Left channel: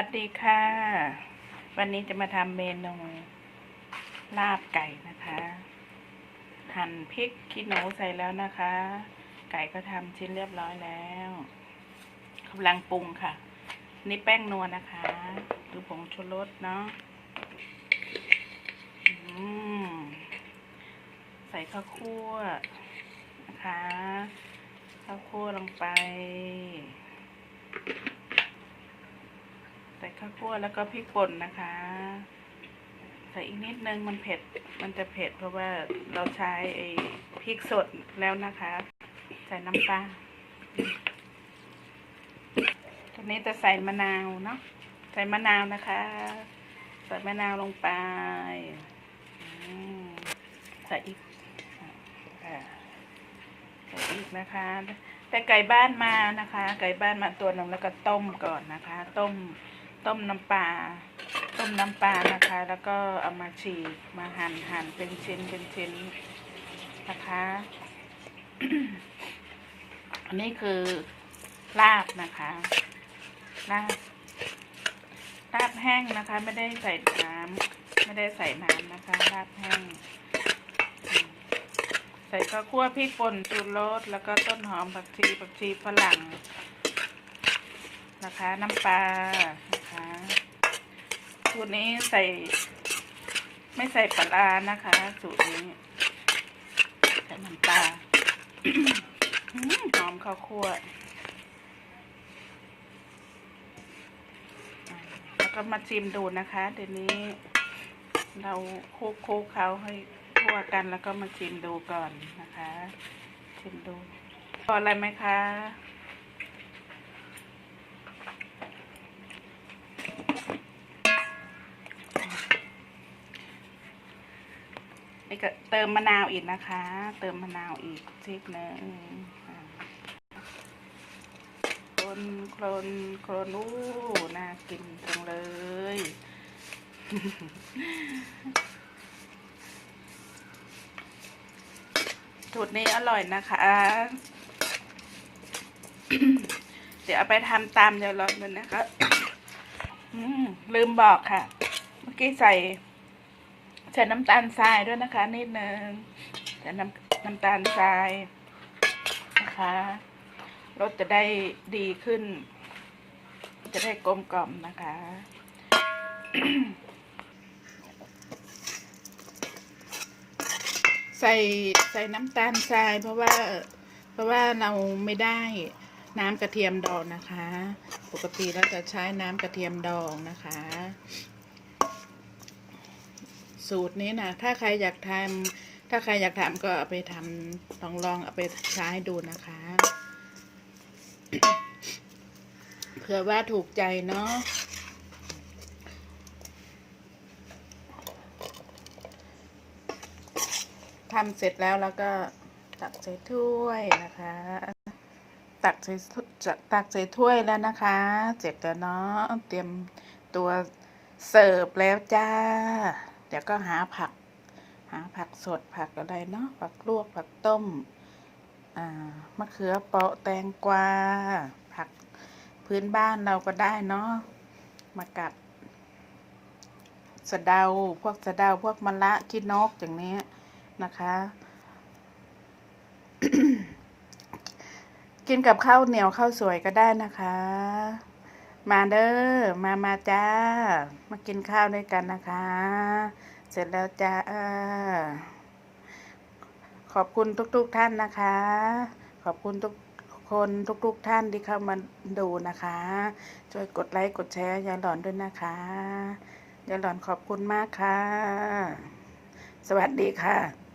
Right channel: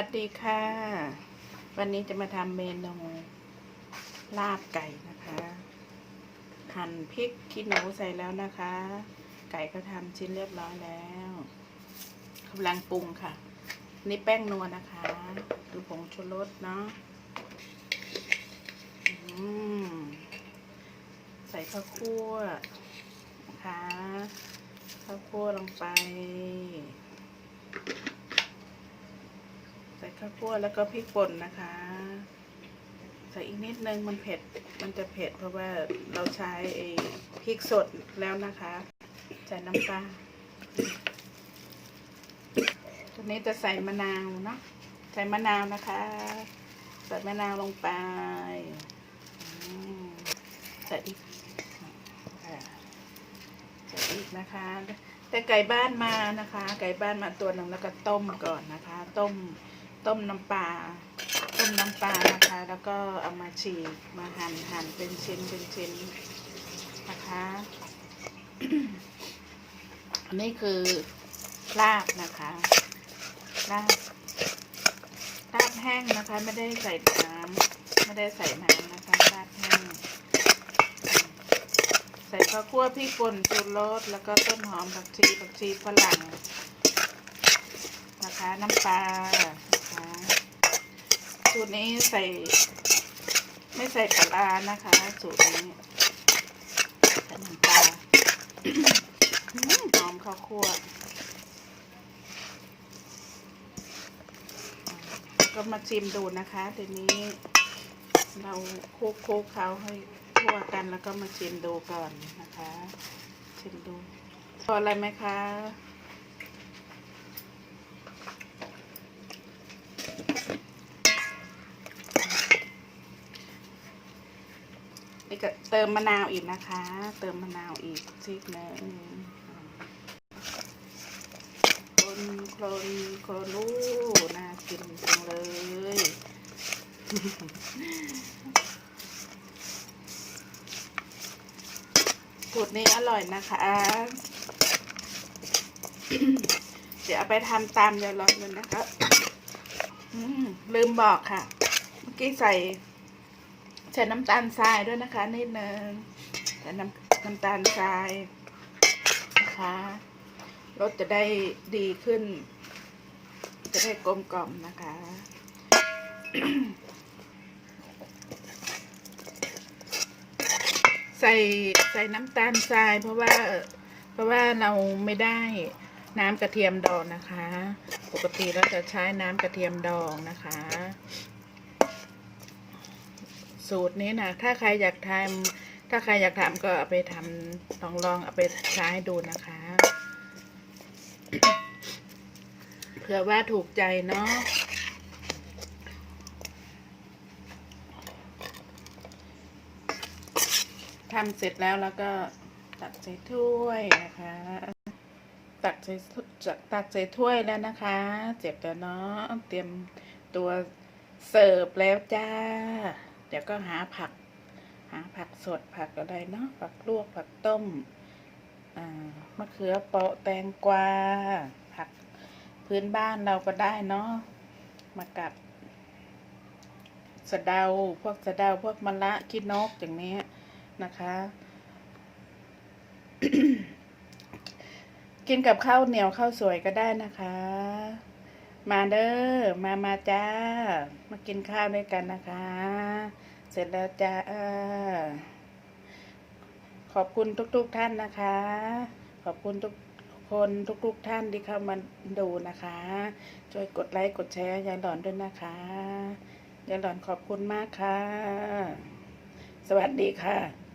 วัสดีค่ะ วันนี้จะมาทำเมนูลาบไก่นะคะ หั่นพริกขี้หนูใส่แล้วนะคะ ไก่ก็ทำชิ้นเรียบร้อยแล้วกำลังปรุงค่ะ นี่แป้งนัวนะคะดูผงชูรสเนาะใส่ข้าวคั่วนะคะ ข้าวคั่วลงไป ใส่ ข้าวคั่วแล้วก็พริกป่นนะคะ ใส่อีกนิดนึงมันเผ็ดมันจะเผ็ดเพราะว่าเราใช้ไอ้พริกสดแล้วนะคะ ใส่น้ำตาลทีนี้จะใส่มะนาวเนาะใส่มะนาวนะคะใส่มะนาวลงไปใส่อีกใส่อีกนะคะแต่ไก่บ้านมานะคะ ไก่บ้านมาตัวหนึ่งแล้วก็ต้มก่อนนะคะ ต้ม ต้มน้ำปลาต้มน้ำปลานะคะ แล้วก็เอามาฉีกมาหั่นหั่นเป็นชิ้นเป็นชิ้นนะคะ อันนี้คือลาบนะคะลาบลาบแห้งนะคะ ไม่ได้ใส่น้ำไม่ได้ใส่น้ำนะคะลาบแห้ง ใส่ข้าวคั่วพริกป่นชูรสแล้วก็ต้นหอมผักชีผักชีฝรั่งนะคะ น้ำปลา สูตรนี้ใส่ ไม่ใส่ปลารานะคะ สูตรนี้ใส่น้ำปลาหอมข้าวคั่วอ่าแล้วก็มาชิมดูนะคะ เดี๋ยวนี้ เราคลุกคลุกเขาให้ทั่วกันแล้วก็มาชิมดูก่อนนะคะ ชิมดูพออะไรไหมคะ นี่ก็เติมมะนาวอีกนะคะ เติมมะนาวอีกซีกหนึงอ่าคนโคลนโคลนอู้น่ากินจังเลยสูตรนี้อร่อยนะคะ เดี๋ยวเอาไปทำตามยายรอนเลยนะคะลืมบอกค่ะ เมื่อกี้ใส่ ใส่น้ำตาลทรายด้วยนะคะ นิดนึงใส่น้ำน้ำตาลทรายนะคะรสจะได้ดีขึ้น จะได้กลมกล่อมนะคะ ใส่ใส่น้ำตาลทรายเพราะว่า เพราะว่าเราไม่ได้น้ำกระเทียมดองนะคะ ปกติเราจะใช้น้ำกระเทียมดองนะคะ สูตรนี้นะถ้าใครอยากทำถ้าใครอยากทำก็เอาไปทำลองลองเอาไปใช้ดูนะคะ เผื่อว่าถูกใจเนาะทำเสร็จแล้วแล้วก็ตักใส่ถ้วยนะคะ ตักใส่ตักใส่ถ้วยแล้วนะคะเสร็จแล้วเนาะเตรียมตัวเสิร์ฟแล้วจ้า เดี๋ยวก็หาผัก หาผักสดผักอะไรเนาะผักลวกผักต้มมะเขือเปราะแตงกวาผักพื้นบ้านเราก็ได้เนาะมากัดสะเดาพวกสะเดาพวกมะละขี้นกอย่างนี้นะคะ กินกับข้าวเหนียวข้าวสวยก็ได้นะคะ มาเด้อ มามาจ้า มากินข้าวด้วยกันนะคะ เสร็จแล้วจ้า ขอบคุณทุกๆทท่านนะคะ ขอบคุณทุกคนทุกๆทท่านที่เข้ามาดูนะคะ ช่วยกดไลค์กดแชร์ยาหลอนด้วยนะคะ ยาหลอนขอบคุณมากค่ะ สวัสดีค่ะ